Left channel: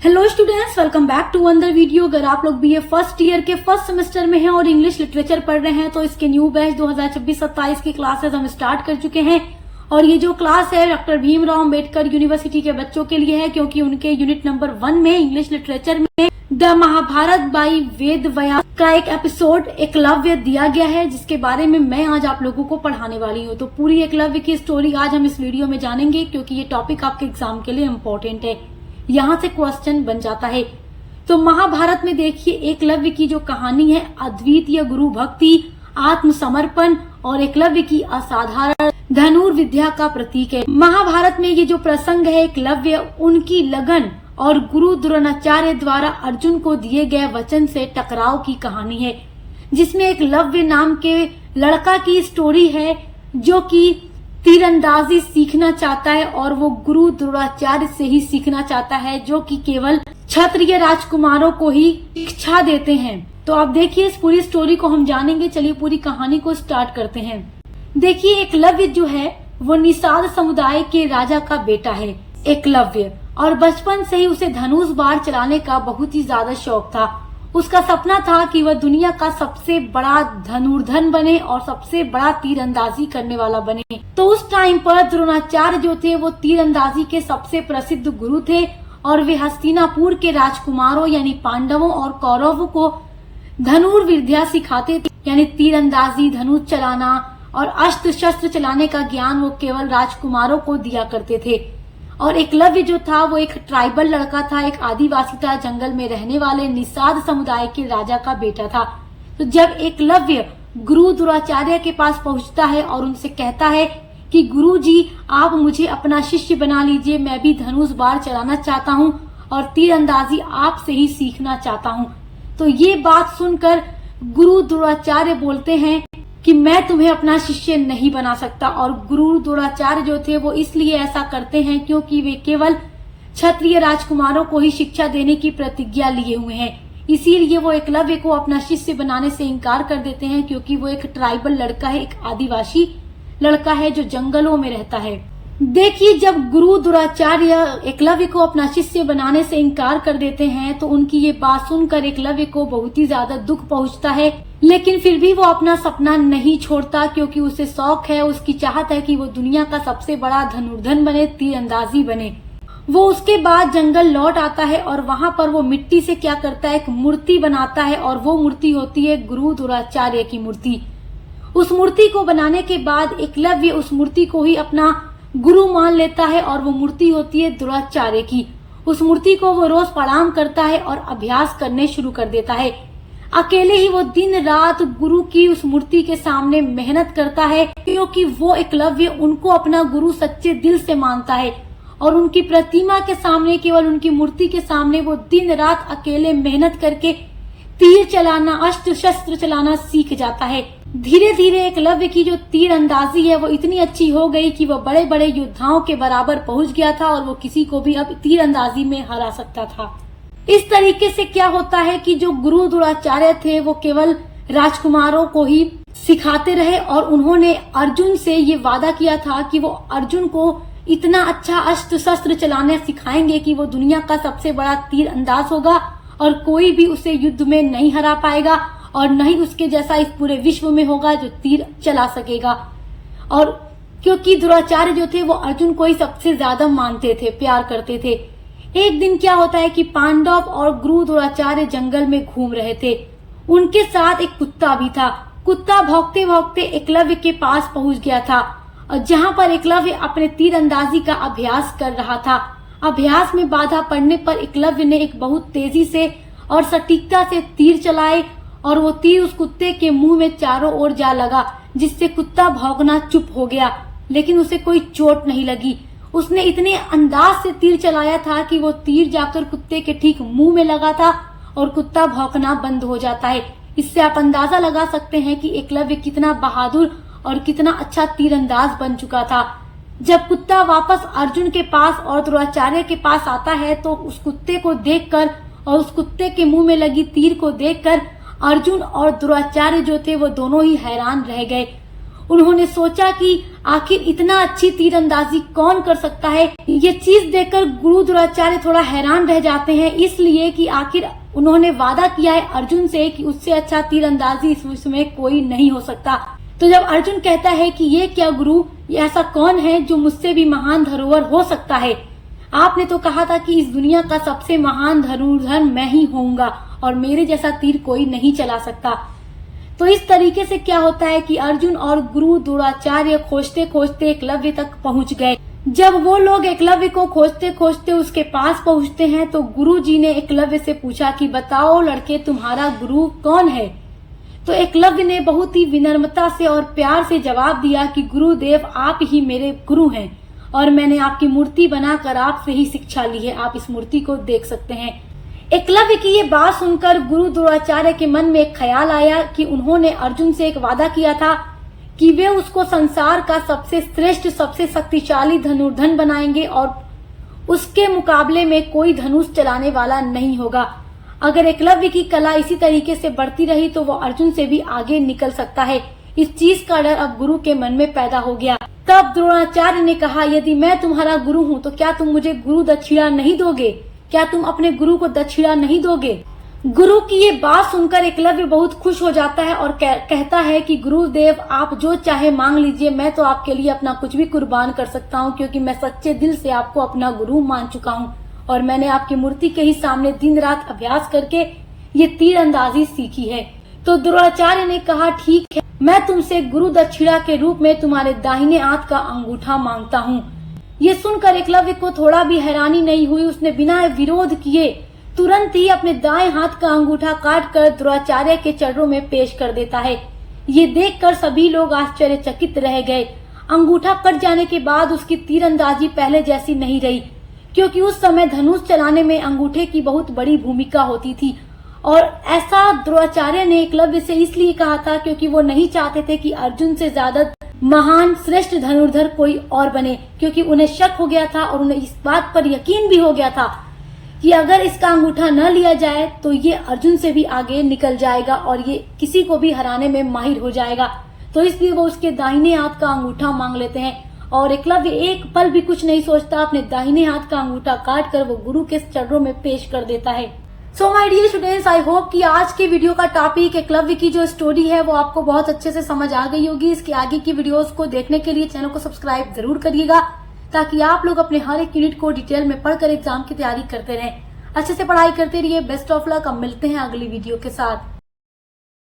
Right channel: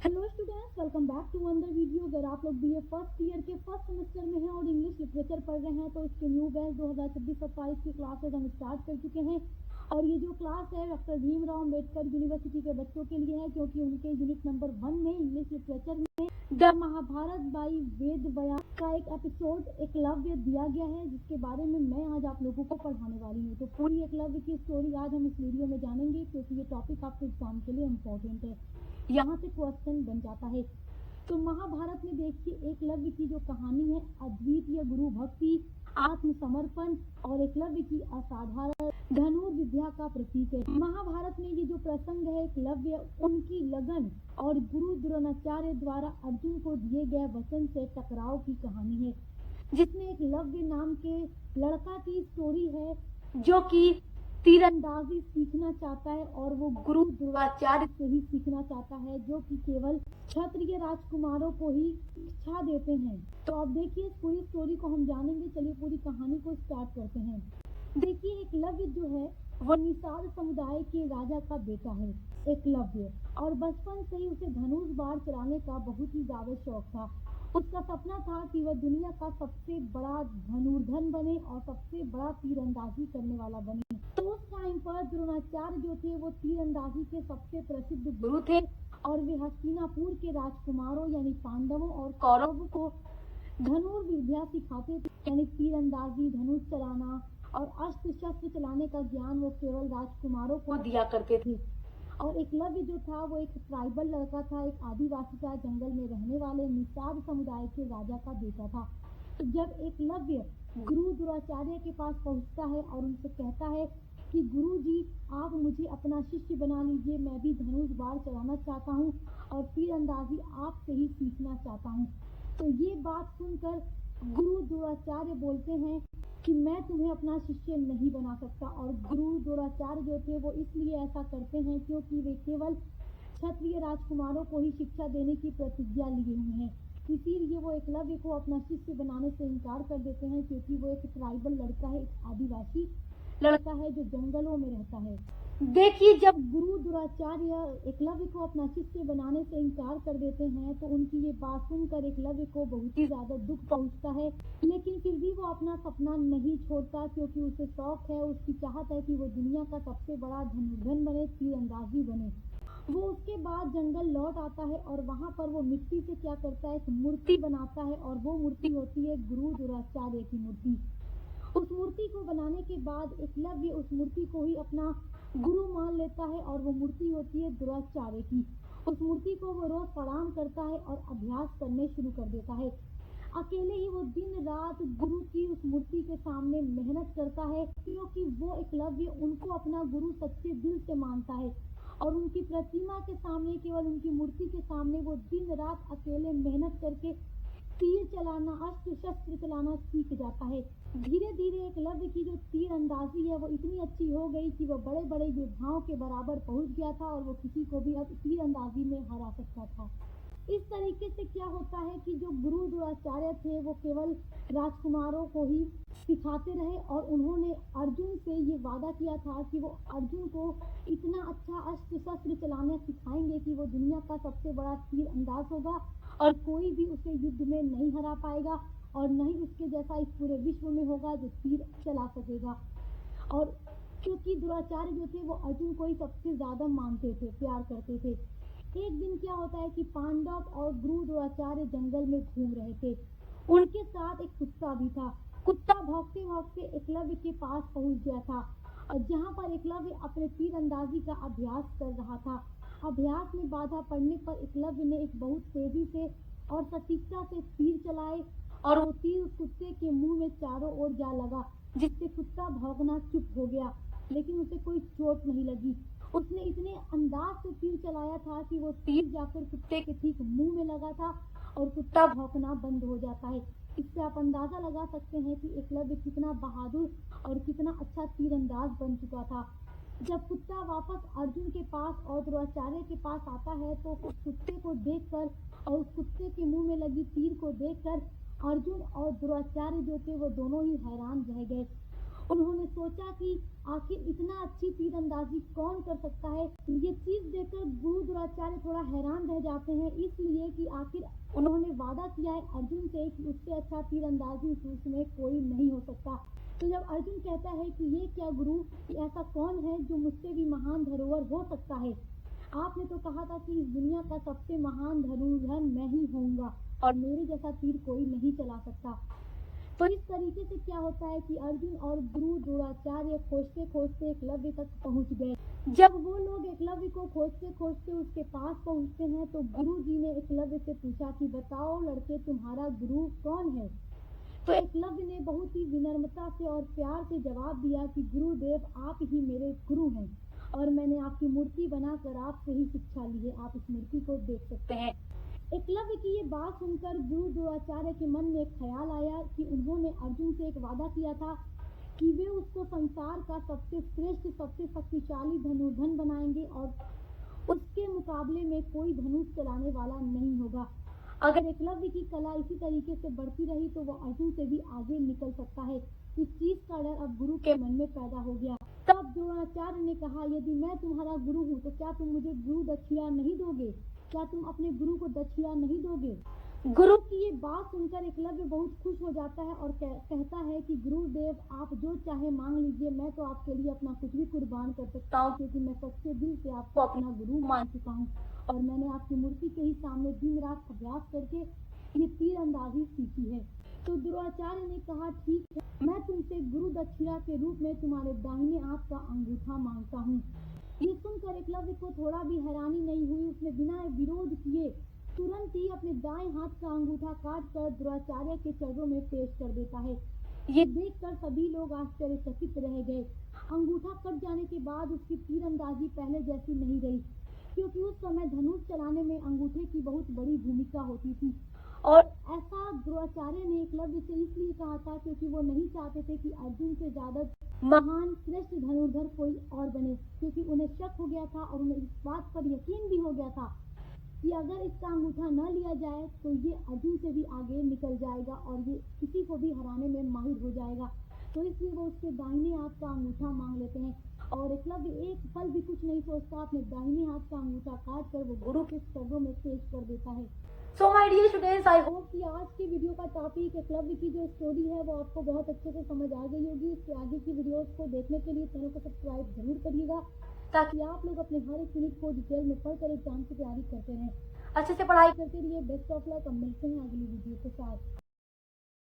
Hello students, welcome back to another video. अगर आप लोग बीए फर्स्ट ईयर के फर्स्ट सेमेस्टर में हैं और इंग्लिश लिटरेचर पढ़ रहे हैं तो इसके न्यू बैच 2026-27 की क्लासेस हम स्टार्ट कर चुके हैं। और ये जो क्लास है डॉक्टर भीमराव अंबेडकर यूनिवर्सिटी के बच्चों के लिए है, क्योंकि उनके यूनिट नंबर 1 में इंग्लिश लिटरेचर में द महाभारत बाई वेद व्यास का एक एपिसोड एकलव्य दिया गया है, जिसके बारे में मैं आज आप लोगों को पढ़ाने वाली हूँ। तो पूरी एकलव्य की स्टोरी आज हम इस वीडियो में जानेंगे, क्योंकि ये टॉपिक आपके एग्जाम के लिए इम्पोर्टेंट है, यहाँ से क्वेश्चन बन जाता है। तो महाभारत में देखिए एकलव्य की जो कहानी है अद्वितीय गुरु भक्ति, आत्मसमर्पण और एकलव्य की असाधारण धनुर्विद्या का प्रतीक है। महाभारत में ये जो प्रसंग है एकलव्य उनकी लगन और गुरु द्रोणाचार्य द्वारा अर्जुन को दिए गए वचन से टकराव की कहानी है, जिसमें एकलव्य नाम के लड़का की स्टोरी है जो कि तीरंदाजी सीखना चाहता है और वो गुरु द्रोणाचार्य से ही सीखना चाहता है, जो कि केवल क्षत्रिय राजकुमारों को ही शिक्षा देते हैं। तो आप देखिए इस पूरी स्टोरी को हम जानेंगे। चलिए पूरी कहानी को स्टार्ट करते हैं। देखिए एकलव्य जो है वो निषाद समुदाय के राजा का बेटा है एकलव्य, और बचपन से ही उसे धनुष बाण चलाने का बहुत ही ज्यादा शौक था। उसका सपना था कि वह दुनिया का सबसे बड़ा धनुर्धन बने और सबसे बड़ा तीरंदाजी करने वाला बने। तो उस टाइम पर द्रोणाचार्य जो थे वो तीरंदाजी के सबसे प्रसिद्ध गुरु थे, और वे हस्तिनापुर के राजकुमारों यानी पांडवों और कौरवों को धनुर्विद्या सिखाते थे, यानी तीरंदाजी, धनुष चलाना और अस्त्र शस्त्र चलाने का ज्ञान वो केवल राजकुमारों को दिया करते थे। और एकलव्य जो था वो एक ट्राइबल लड़का था, एक आदिवासी था, जंगल में रहने वाले निषाद समुदाय के राजा का बेटा था। तो जब एकलव्य गुरु द्रोणाचार्य के पास पहुंचता है और उनसे कहता है कि गुरुजी आप मुझे अपना शिष्य बना लीजिए, मैं भी धनुष बाण चलाना चाहता हूँ और तीरंदाजी आपसे ही सीखना चाहता हूँ। तो ये बात सुनकर गुरु द्रोणाचार्य बोलते हैं कि मैं तुम्हें अपना शिष्य नहीं बना सकता। और गुरु द्रोणाचार्य जो थे वो इसलिए ऐसा करते हैं क्योंकि वे केवल क्षत्रिय राजकुमारों को ही शिक्षा देने की प्रतिज्ञा लिए हुए हैं। इसीलिए वो एकलव्य को अपना शिष्य बनाने से इनकार कर देते हैं, क्योंकि वो एक ट्राइबल लड़का है, एक आदिवासी लड़का है जो जंगलों में रहता है। देखिए जब गुरु द्रोणाचार्य एकलव्य को अपना शिष्य बनाने से इनकार कर देते हैं तो उनकी ये बात सुनकर एकलव्य को बहुत ही ज्यादा दुख पहुंचता है, लेकिन फिर भी वो अपना सपना नहीं छोड़ता, क्योंकि उसे शौक है, उसकी चाहत है कि वो दुनिया का सबसे बड़ा धनुर्धन बने, तीरंदाजी बने। वो उसके बाद जंगल लौट आता है और वहां पर वो मिट्टी से क्या करता है, एक मूर्ति बनाता है, और वो मूर्ति होती है गुरु द्रोणाचार्य की मूर्ति। उस मूर्ति को बनाने के बाद एकलव्य उस मूर्ति को ही अपना गुरु मान लेता है, और वो मूर्ति होती है द्रोणाचार्य की। उस मूर्ति को वो रोज प्रणाम करता है और अभ्यास करने शुरू कर देता है। अकेले ही वो दिन रात गुरु की उस मूर्ति के सामने मेहनत करता है, क्योंकि वो एकलव्य उनको अपना गुरु सच्चे दिल से मानता है, और उनकी प्रतिमा के सामने, केवल उनकी मूर्ति के सामने वो दिन रात अकेले मेहनत करके तीर चलाना, अस्त्र शस्त्र चलाना सीख जाता है। धीरे धीरे एकलव्य की जो तीर अंदाजी है वो इतनी अच्छी हो गई कि वो बड़े बड़े योद्धाओं के बराबर पहुंच गया था, और वो किसी को भी अब तीर अंदाजी में हरा सकता था। इस तरीके से क्या होता है कि जो गुरु द्रोणाचार्य थे वो केवल राजकुमारों को ही सिखाते रहे, और उन्होंने अर्जुन से ये वादा किया था कि वो अर्जुन को इतना अच्छा अस्त्र शस्त्र चलाने सिखाएंगे कि वो दुनिया का सबसे बड़ा तीर अंदाज होगा, और कोई भी उसे युद्ध में नहीं हरा पाएगा, और न ही उसके जैसा इस पूरे विश्व में होगा जो तीर चला सकेगा। और क्योंकि द्रोणाचार्य जो थे वो अर्जुन को ही सबसे ज्यादा मानते थे, प्यार करते थे। एक दिन क्या होता है कि पांडव और गुरु द्रोणाचार्य जंगल में घूम रहे थे। उनके साथ एक कुत्ता भी था। कुत्ता भौंकते भौंकते एकलव्य के पास पहुंच गया था, और जहां पर एकलव्य अपने तीरंदाजी का अभ्यास कर रहा था। अभ्यास में बाधा पड़ने पर एकलव्य ने एक बहुत तेजी से और सटीकता से तीर चलाए, और वो तीर उस कुत्ते के मुंह में चारों ओर जा लगा, जिससे कुत्ता भौंकना चुप हो गया, लेकिन उसे कोई चोट नहीं लगी। उसने इतने अंदाज से तीर चलाया था कि वो तीर जाकर कुत्ते के ठीक मुंह में लगा था, और कुत्ता भौंकना बंद हो जाता है। इससे आप अंदाजा लगा सकते हैं कि एकलव्य कितना बहादुर और कितना अच्छा तीरंदाज बन चुका था। जब कुत्ता वापस अर्जुन के पास और द्रोणाचार्य के पास आता है तो उस कुत्ते को देखकर और उस कुत्ते के मुंह में लगी तीर को देखकर अर्जुन और द्रोणाचार्य जो थे वो दोनों ही हैरान रह गए। उन्होंने सोचा कि आखिर इतना अच्छी तीरंदाजी कौन कर सकता है। ये चीज देखकर गुरु द्रोणाचार्य थोड़ा हैरान रह जाते हैं, इसलिए कि आखिर उन्होंने वादा किया है अर्जुन से कि उससे अच्छा तीरंदाजी इस विश्व में कोई नहीं हो सकता। तो जब अर्जुन कहता है कि ये क्या गुरु, ये ऐसा कौन है जो मुझसे भी महान धनुर्धर हो सकता है? आपने तो कहा था कि इस दुनिया का सबसे महान धनुर्धर मैं ही होऊंगा और मेरे जैसा तीर कोई नहीं चला सकता। तो इस तरीके से क्या होता है कि अर्जुन और गुरु द्रोणाचार्य खोजते खोजते एकलव्य तक पहुंच गए। जब वो लोग एकलव्य को खोजते खोजते उसके पास पहुंचते हैं तो गुरु जी ने एकलव्य से पूछा कि बताओ लड़के, तुम्हारा गुरु कौन है? तो एकलव्य ने बहुत ही विनम्रता से और प्यार से जवाब दिया कि गुरुदेव, आप ही मेरे गुरु हैं और मैंने आपकी मूर्ति बनाकर आपसे ही शिक्षा ली है। आप इस मूर्ति को देख सकते हैं। एकलव्य की ये बात सुनकर गुरु द्रोणाचार्य के मन में एक ख्याल आया कि उन्होंने अर्जुन से एक वादा किया था कि वे उसको संसार का सबसे श्रेष्ठ, सबसे शक्तिशाली धनुर्धर बनाएंगे और उसके मुकाबले में कोई धनुष चलाने वाला नहीं होगा। अगर एकलव्य की कला इसी तरीके से बढ़ती रही तो वो अर्जुन से भी आगे निकल सकता है। इस चीज का डर अब गुरु के मन में पैदा हो गया। तब द्रोणाचार्य ने कहा, यदि मैं तुम्हारा गुरु हूँ तो क्या तुम मुझे गुरु दक्षिणा नहीं दोगे? क्या तुम अपने गुरु को दक्षिणा नहीं दोगे? गुरु की ये बात सुनकर एकलव्य बहुत खुश हो जाता है और कहता है कि गुरुदेव, आप जो चाहे मांग लीजिए, मैं तो आपके लिए अपना कुछ भी कुर्बान कर सकता हूँ, क्योंकि मैं सच्चे दिल से आपको अपना गुरु मान चुका हूँ और मैंने आपकी मूर्ति के ही सामने दिन रात अभ्यास करके ये तीरंदाजी सीखी है। तो द्रोणाचार्य ने कहा, ठीक है, मैं तुमसे गुरु दक्षिणा के रूप में तुम्हारे दाहिने हाथ का अंगूठा मांगता हूँ। ये सुनकर एकलव्य को थोड़ा भी हैरानी नहीं हुई। उसने बिना विरोध किए तुरंत ही अपने दाएं हाथ का अंगूठा काटकर द्रोणाचार्य के चरणों में पेश कर देता है। ये देखकर सभी लोग आश्चर्यचकित रह गए। अंगूठा कट जाने के बाद उसकी तीरंदाजी पहले जैसी नहीं रही, क्योंकि उस समय धनुष चलाने में अंगूठे की बहुत बड़ी भूमिका होती थी। और ऐसा द्रोणाचार्य ने एकलव्य से इसलिए कहा था क्योंकि वो नहीं चाहते थे कि अर्जुन से ज्यादा महान श्रेष्ठ धनुर्धर कोई और बने, क्योंकि उन्हें शक हो गया था और उन्हें इस बात पर यकीन भी हो गया था कि अगर इसका अंगूठा न लिया जाए तो ये अर्जुन से भी आगे निकल जाएगा और ये किसी को भी हराने में माहिर हो जाएगा। तो इसलिए वो उसके दाहिने हाथ का अंगूठा मांग लेते हैं और एकलव्य एक पल भी कुछ नहीं सोचता, अपने दाहिने हाथ का अंगूठा काट कर वो गुरु के चरणों में पेश कर देता है। So my dear students, I hope कि आज के वीडियो का टॉपिक एकलव्य की जो स्टोरी है वो आपको बहुत अच्छे से समझ आ गई होगी। इसके आगे की वीडियोस को देखने के लिए चैनल को सब्सक्राइब जरूर करिएगा, ताकि आप लोग अपने हर एक यूनिट को डिटेल में पढ़कर एग्जाम की तैयारी करते रहें। अच्छे से पढ़ाई करते रहिए। Best of luck. अब मिलते हैं अगली वीडियो के साथ।